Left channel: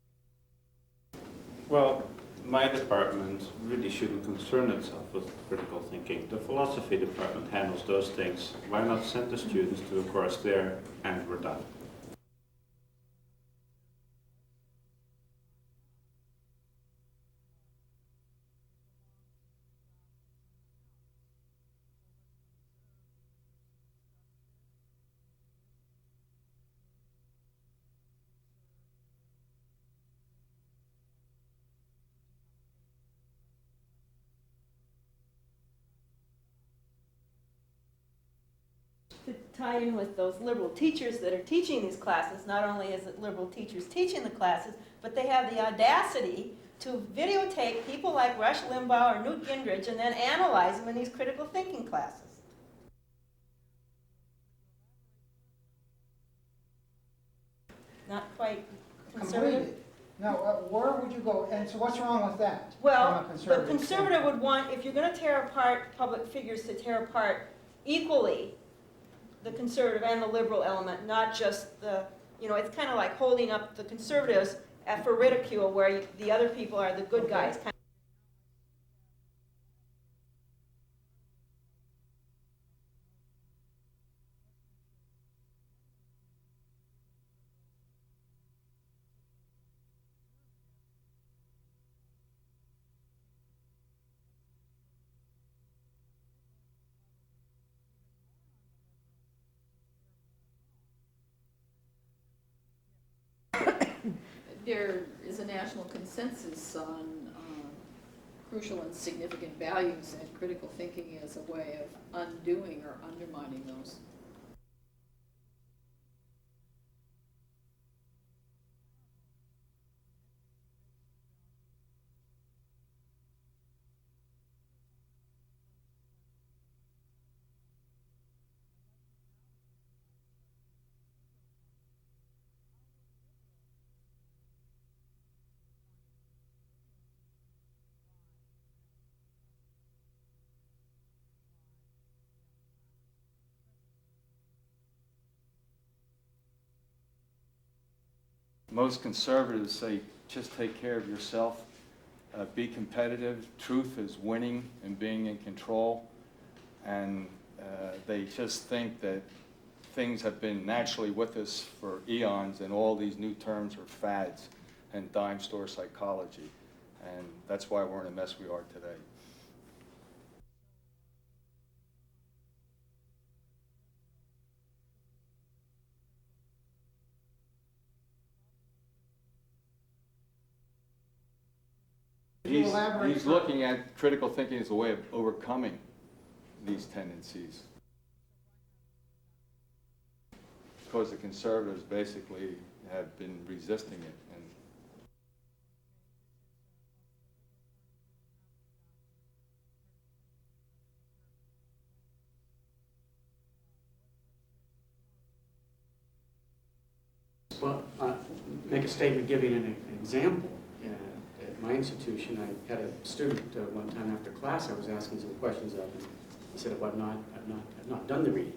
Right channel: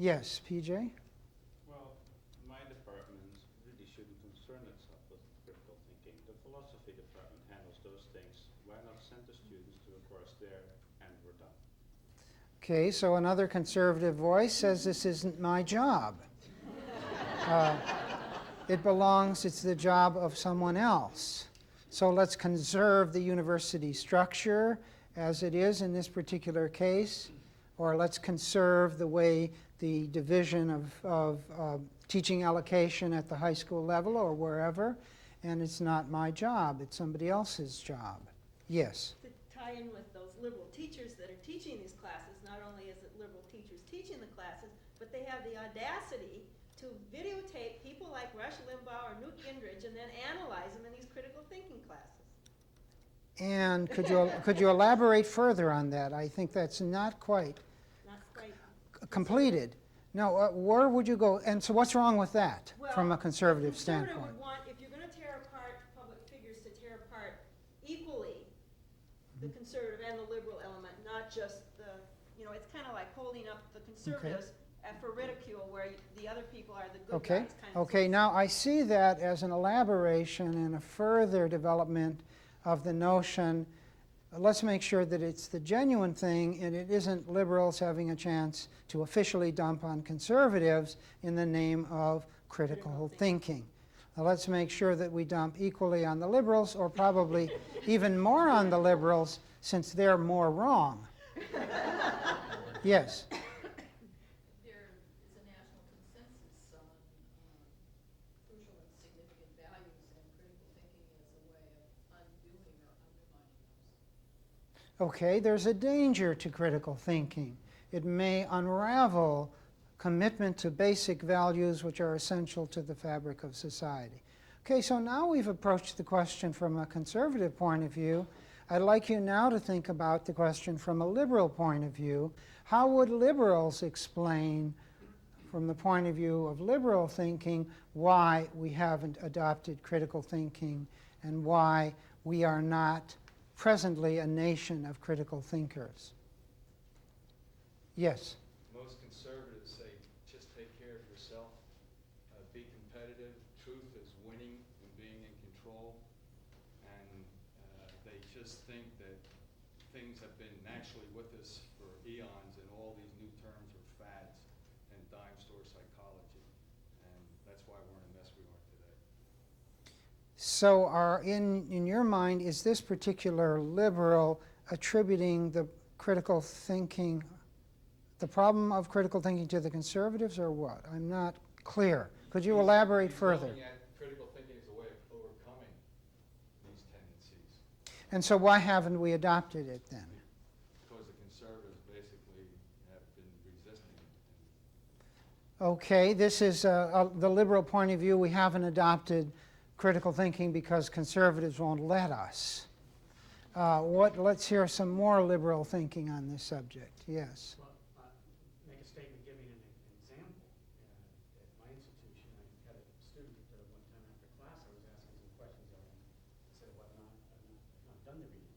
Yes, PJ? Well, my department really shouldn't concern itself with critical thinking. The philosophy department handles those things. Why not send the students to a course there and we're done? Okay, so another conservative voice says this isn't my job. It's the job of someone else. So let's conserve the university structure as it is in this particular case, or let's conserve the way the division of teaching allocation at the high school level or wherever, and it's not my job, it's somebody else's job. Yes? To tie in with those liberal teachers that are teaching these classes, not only is it liberal teachers teaching the classes, but they have the audacity to videotape people like Rush Limbaugh or Newt Gingrich and then analyze them in these critical thinking classes. And could you elaborate further on that? I think that's not quite completed. No, where would you go? And so what's wrong with that from a Well, conservative the conservative standpoint? would want, if you're going to tear apart public figures, to tear apart equally the conservative and the liberal element, not just the, it's kind of like holding up the conservatives for ridicule where the other people are the good guys. Okay, now I see that as an elaboration and a further development of the notion, let's make sure that it's the genuine thing and it isn't liberals having a chance to officially dump on conservatives in the name of critical thinking. Now let's make sure that we dump equally on the liberals, or probably even more on the liberals, since they're more wrong. Yes? There is a national consensus on crucial and significant values, and critical thinking is a way of undoing or undermining those. Okay, there's a danger to critical thinking. It may unravel commitment to basic values which are essential to the fabric of society. Okay, so now we've approached the question from a conservative point of view. I'd like you now to think about the question from a liberal point of view. How would liberals explain, from the point of view of liberal thinking, why we haven't adopted critical thinking and why we are not presently a nation of critical thinkers? Yes? Most conservatives say just take care of yourself, be competitive, truth is winning and being in control, and they just think that things have been naturally with us for eons and all these new terms are fads and dime store psychology, and that's why we're in the mess we are today. So in your mind, is this particular liberal attributing the critical thinking, the problem of critical thinking, to the conservatives, or what? I'm not clear. Could you elaborate He's further? looking at critical thinking as a way of overcoming these tendencies. And so why haven't we adopted it then? Because the conservatives basically have been resisting it. And Okay, this is the liberal point of view. We haven't adopted critical thinking because conservatives won't let us. Let's hear some more liberal thinking on this subject. Yes. Well, make a statement giving an example. At my institution, I had a student one time after class. I was asking some questions of him. He said, "Well, I've not done the reading."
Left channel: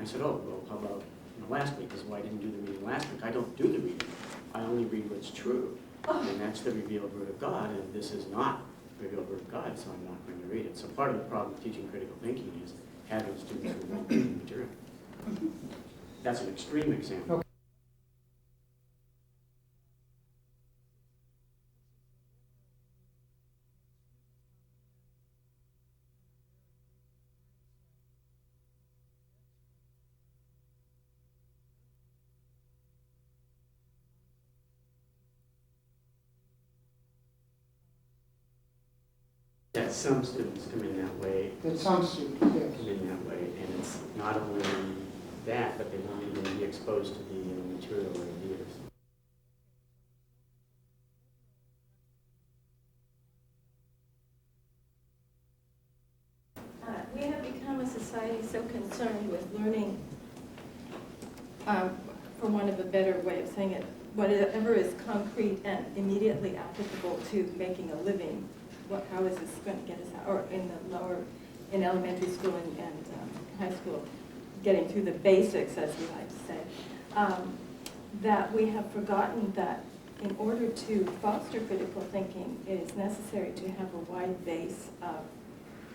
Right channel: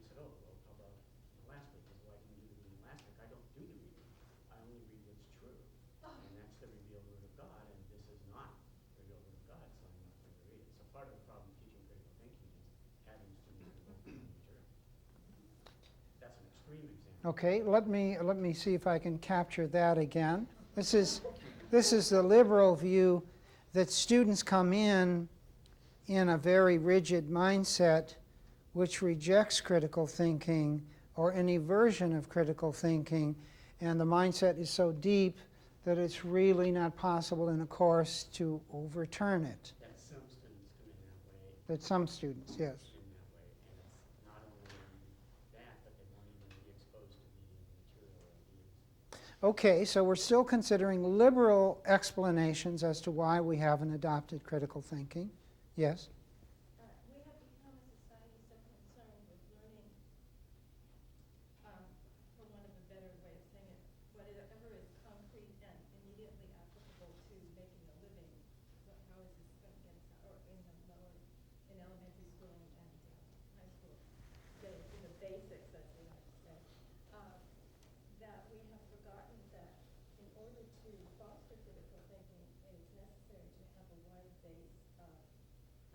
I said, "Oh, well, how about last week?" He said, "Well, I didn't do the reading last week." I don't do the reading. I only read what's true, and that's the revealed Word of God. And this is not the revealed Word of God, so I'm not going to read it. So part of the problem of teaching critical thinking is having students who won't read the material. That's an extreme example. Okay, let me see if I can capture that again. This is the liberal view that students come in a very rigid mindset which rejects critical thinking or any version of critical thinking, and the mindset is so deep that it's really not possible in a course to overturn it. Yeah, some students come in that way. Some students, yes. Come in that way, and it's not only that, but they won't even be exposed to the material or ideas. Okay, so we're still considering liberal explanations as to why we haven't adopted critical thinking. Yes? We have become a society so concerned with learning, for want of a better way of saying it, whatever is concrete and immediately applicable to making a living. How is this going to get us out? Or in elementary school and high school, getting through the basics, as we like to say. That we have forgotten that in order to foster critical thinking, it is necessary to have a wide base of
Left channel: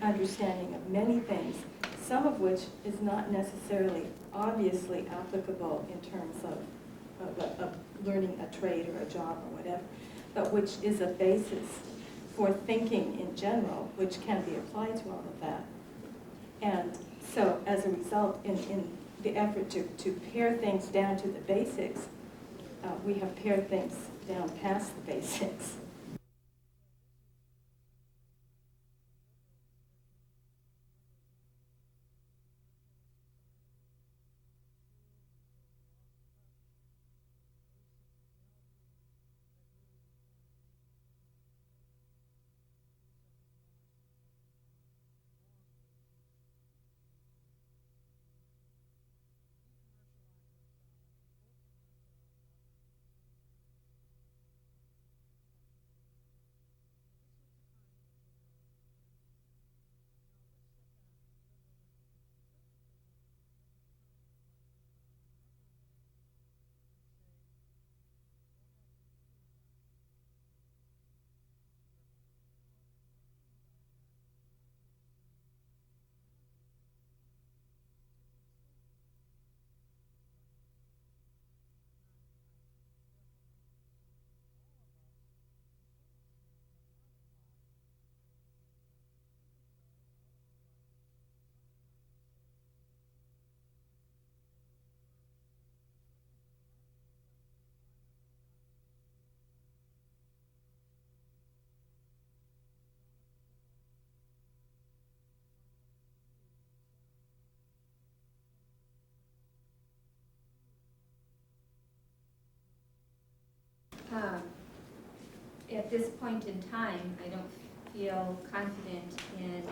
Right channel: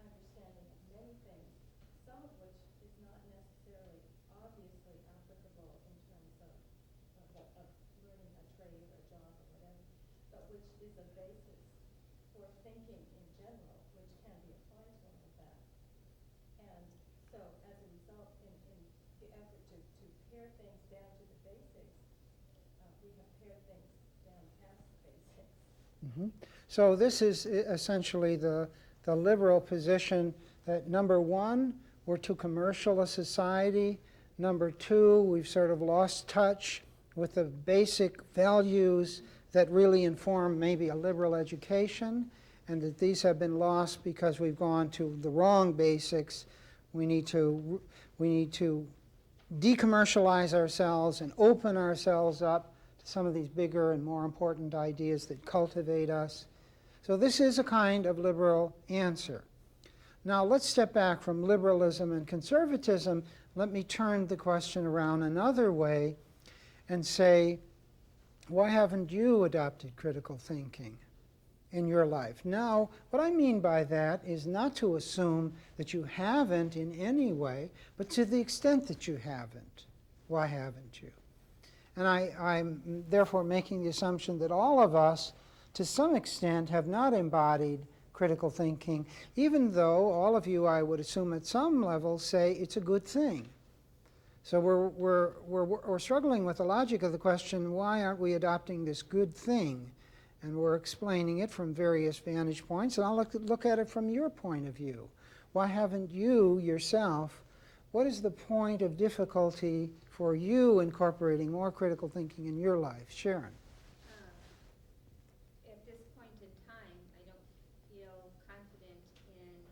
understanding of many things, some of which is not necessarily obviously applicable in terms of learning a trade or a job or whatever, but which is a basis for thinking in general, which can be applied to all of that. And so as a result, in the effort to pare things down to the basics, we have pared things down past the basics. Mhm. So this is essentially the liberal position that, number one, we're too commercial a society. Number two, we've sort of lost touch with the basic values that really inform maybe a liberal education, and that these have been lost because we've gone to the wrong basics. We need to decommercialize ourselves and open ourselves up to some of these bigger and more important ideas that cultivate us. So this is a kind of liberal answer. Now let's step back from liberalism and conservatism. Let me turn the question around another way and say, why haven't you adopted critical thinking in your life? Now, what I mean by that is not to assume that you haven't in any way, but to the extent that you haven't. Why haven't you? And I'm therefore making the assumption that all of us, to some extent, have not embodied critical thinking, even though all of you, I would assume at some level, say it's a good thing. So we're struggling with the logic of the question, why aren't we adopting this good thing? And we're explaining it from various vantage points, and I'll look at it from your point of view. Why haven't you yourself, what is the point of difficulty for you incorporating more critical thinking in your life? Sharon. At this point in time, I don't feel confident in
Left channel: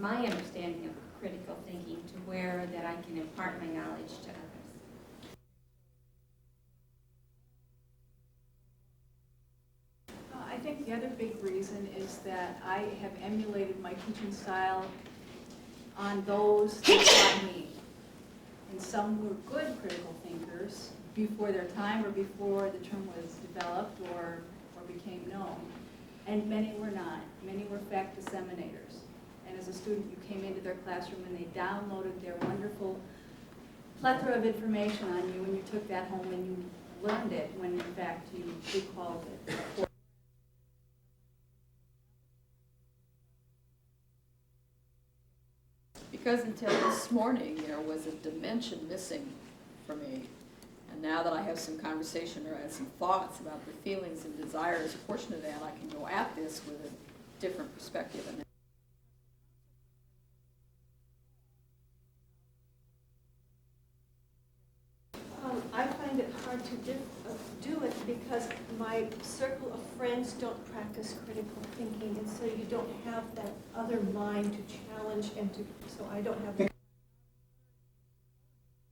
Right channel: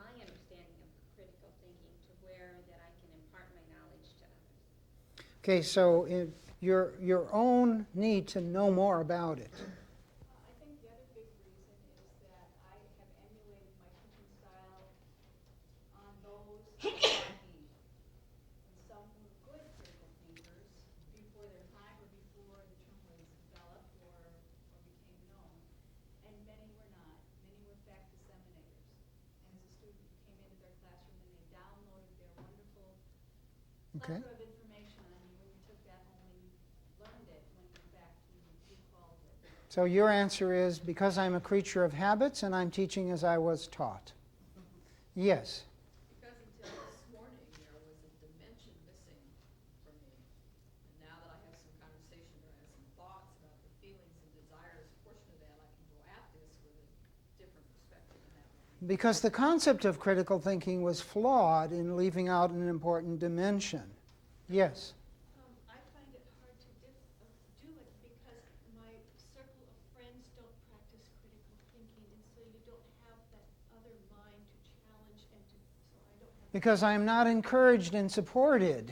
my understanding of critical thinking to where that I can impart my knowledge to others. Okay, so your own need to know more about it. I think the other big reason is that I have emulated my teaching style on those who taught me. And some were good critical thinkers before their time or before the term was developed or became known. And many were not. Many were fact disseminators. And as a student, you came into their classroom and they downloaded their wonderful plethora of information on you, and you took that home and you learned it when in fact you recalled it. So your answer is, because I'm a creature of habits and I'm teaching as I was taught. Yes. Because until this morning, there was a dimension missing for me. And now that I have some conversation or I have some thoughts about the feelings and desires, a portion of that, I can go at this with a different perspective. Because the concept of critical thinking was flawed in leaving out an important dimension. Yes. I find it hard to do it because my circle of friends don't practice critical thinking, and so you don't have that other mind to challenge and to, so I don't have. Because I'm not encouraged and supported.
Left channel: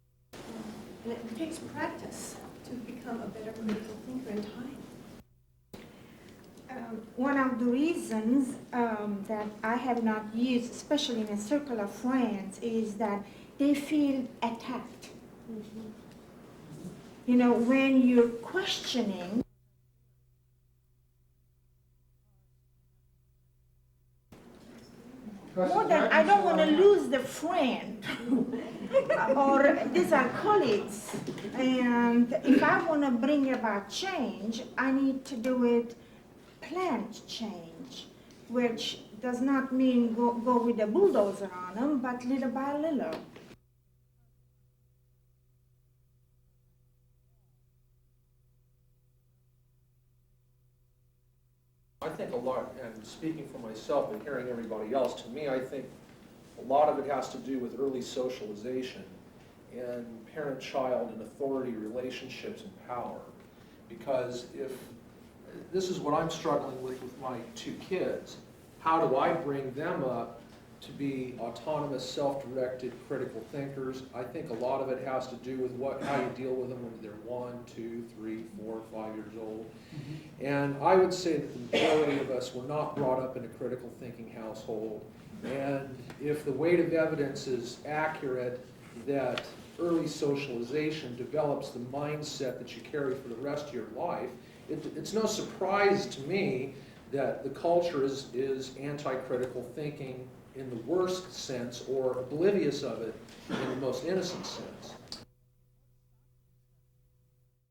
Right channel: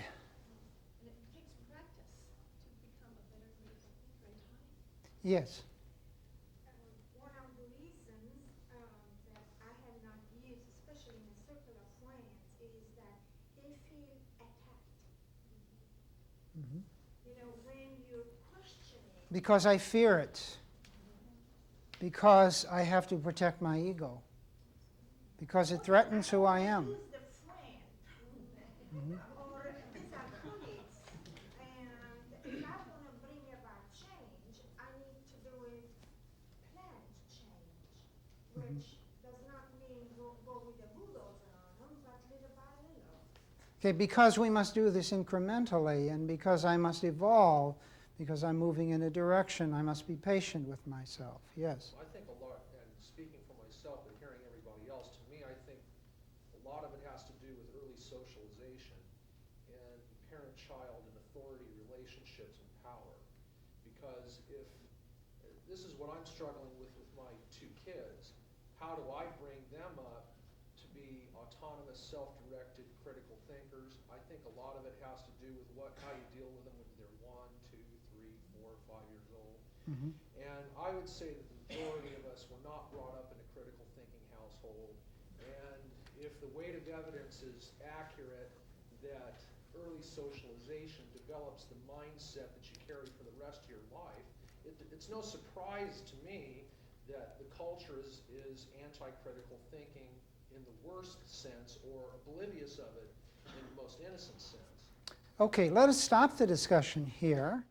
And it takes practice to become a better critical thinker in time. Yes. One of the reasons that I have not used, especially in a circle of friends, is that they feel attacked. Mm-hmm. You know, when you're questioning. Because I fear it. Because I have to protect my ego. Because More it than, I threatens don't who want to am. lose the friend. Or these are colleagues. And if I want to bring about change, I need to do it planned change, which does not mean go with a bulldozer on them, but little by little. Okay, because we must do this incrementally, and because I must evolve, because I'm moving in a direction, I must be patient with myself. Yes. I think a lot, and speaking for myself and hearing everybody else, to me, I think a lot of it has to do with early socialization and parent-child and authority relationships and power. Because if, this is what I'm struggling with my two kids, how do I bring them up to be autonomous, self-directed, critical thinkers? I think a lot of it has to do with how you deal with them when they're 1, 2, 3, 4, 5 years old. And I would say that the majority of us were not brought up in a critical thinking household. And if the weight of evidence is accurate that early socialization develops the mindset that you carry for the rest of your life, it's no surprise to me that the culture is anti-critical thinking in the worst sense, or oblivious of it in the most innocent sense. Okay, let us stop the discussion here.